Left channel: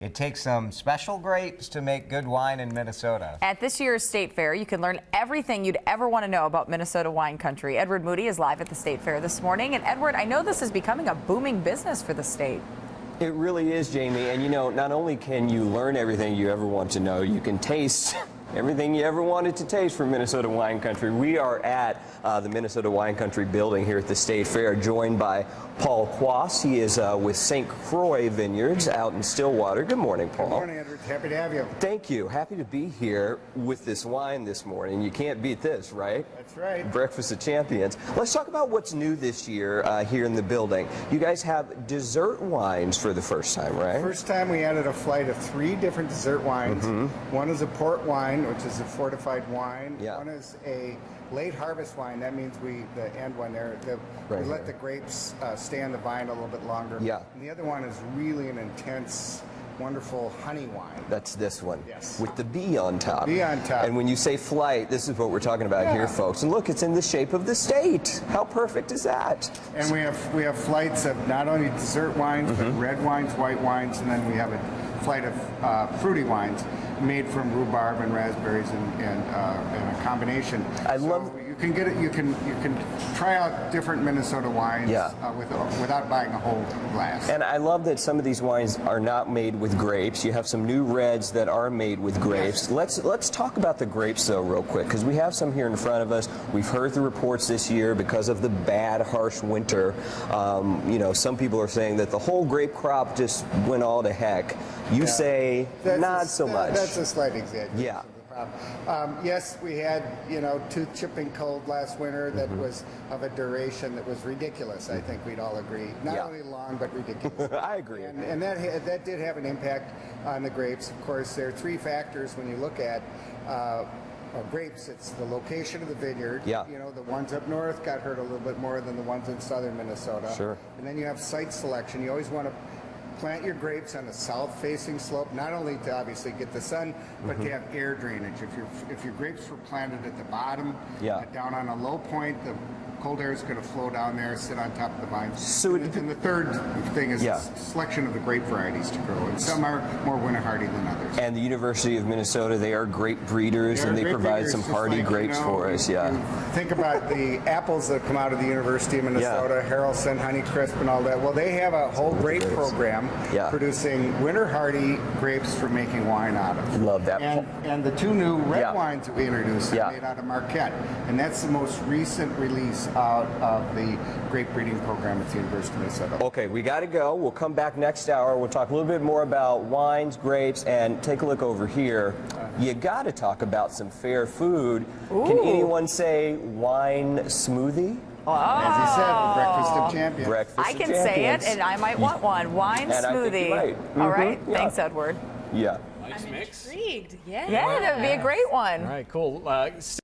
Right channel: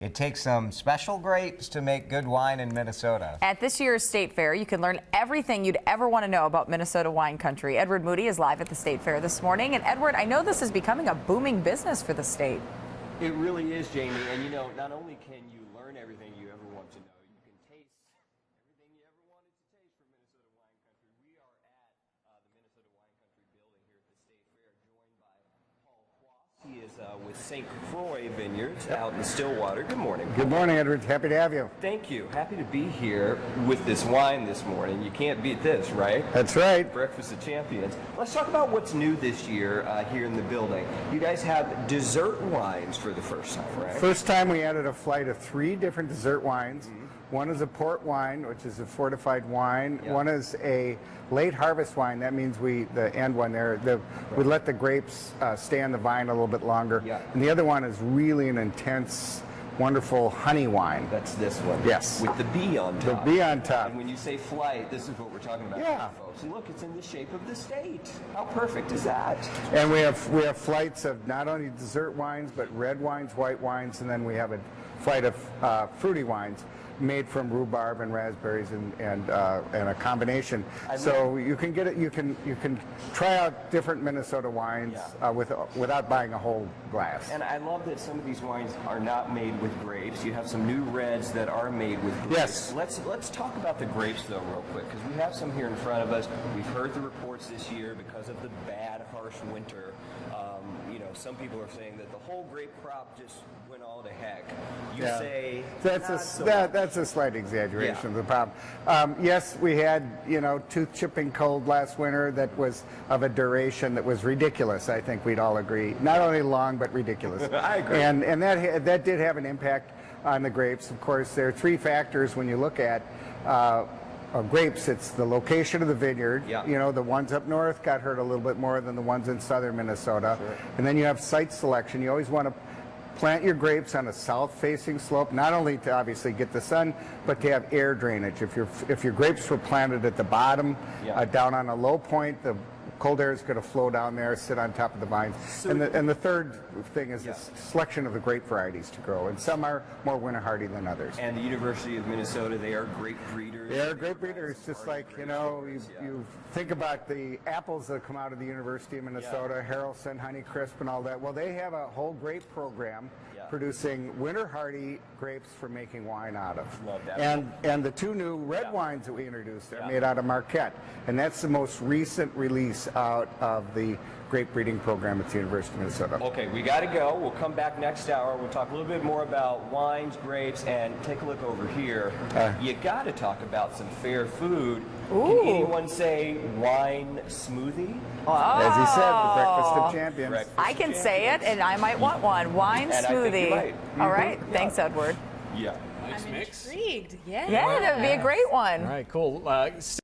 It takes some special grapes to make good wine in Minnesota. At this year's State Fair, you can learn everything you'd ever want to know about Minnesota wine country. Edward Moody is live at the State Fair this morning. And Edward, I know this is becoming a booming business for the state. It really is, Jamie. And you know, not only can you learn everything you ever want to know, you can taste everything you ever wanted to taste from Minnesota wine country. We are at the Minnesota Wine Country building here at the State Fair, joined by Paul Quass. He is with St. Croix Vineyards out in Stillwater. Good morning, Paul. Good morning, Edward. Happy to have you. Thank you. Happy to be here with this wine this morning. You can't beat this, right? That's right. Breakfast of Champions. Let's talk about what's new this year here in the building. You guys have dessert wines for the first time, right? First time we added a flight of 3 different dessert wines. One is a port wine, which is a fortified wine. Yeah. One is a late harvest wine. That means we let the grapes stay on the vine a little bit longer. Yeah. And the other one is really an intense, wonderful honey wine. That's this one. Yes. With the bee on top. The bee on top. And when you say flight, this is what we're talking about here, folks. And look, it's in the shape of the state. How perfect is that? And we have flights of not only dessert wines, but red wines, white wines, and then we have a flight of fruity wines made from rhubarb and raspberries and a combination. So you can get it. You can try out different Minnesota wines without buying a whole glass. And I love that some of these wines are not made with grapes. You have some new reds that are made with grapes. Yes. Let's talk about the grapes though real quick, because we have some here in front of us. We've heard the reports this year because of the bad, harsh winter. You know, some people are saying that the whole grape crop just went all to heck. You say not so much. That's a slight exaggeration of the problem. Yes, we had, tooth chipping cold last winter that was of a duration that was ridiculous. I think we'd all agree. Not only long, but ridiculous. I agree. And that did have an impact on the grapes. Of course, there are 3 factors when you look at grapes. It's the location of the vineyard. Yeah. You know, the ones up north got hurt a little bit more than the ones in southern Minnesota. Sure. And then you have site selection. You always want to plant your grapes on a south-facing slope, not only to obviously get the sun, but to have air drainage. If your grapes were planted at the bottom, down on a low point, the cold air is going to flow down there, sit on top of the vines. So and the third thing is the selection of the grape varieties to grow. And some are more winter hardy than others. And the University of Minnesota, they are great breeders, and they provide some hardy grapes for us. Think about the apples that come out of the University of Minnesota, Haralson, Honeycrisp, and all that. Well, they have a whole grape program producing winter hardy grapes for making wine out of. Love that. And the 2 new red wines that we introduced are made out of Marquette. And that's the most recent release out of the grape breeding program at the University of Minnesota. Okay, we got to go. We'll come back next hour. We'll talk a little bit more about wines, grapes, and take a look over here. You got to talk about some fair food. Ooh. Can anyone say wine smoothie? Oh. As you said, breakfast of champions. I can say it, and I might want one. Wine smoothie. All right. Thanks, Edward. Yeah. Nice I'm mix. intrigued. Yeah. Yeah, that would be a great one. All right, cool.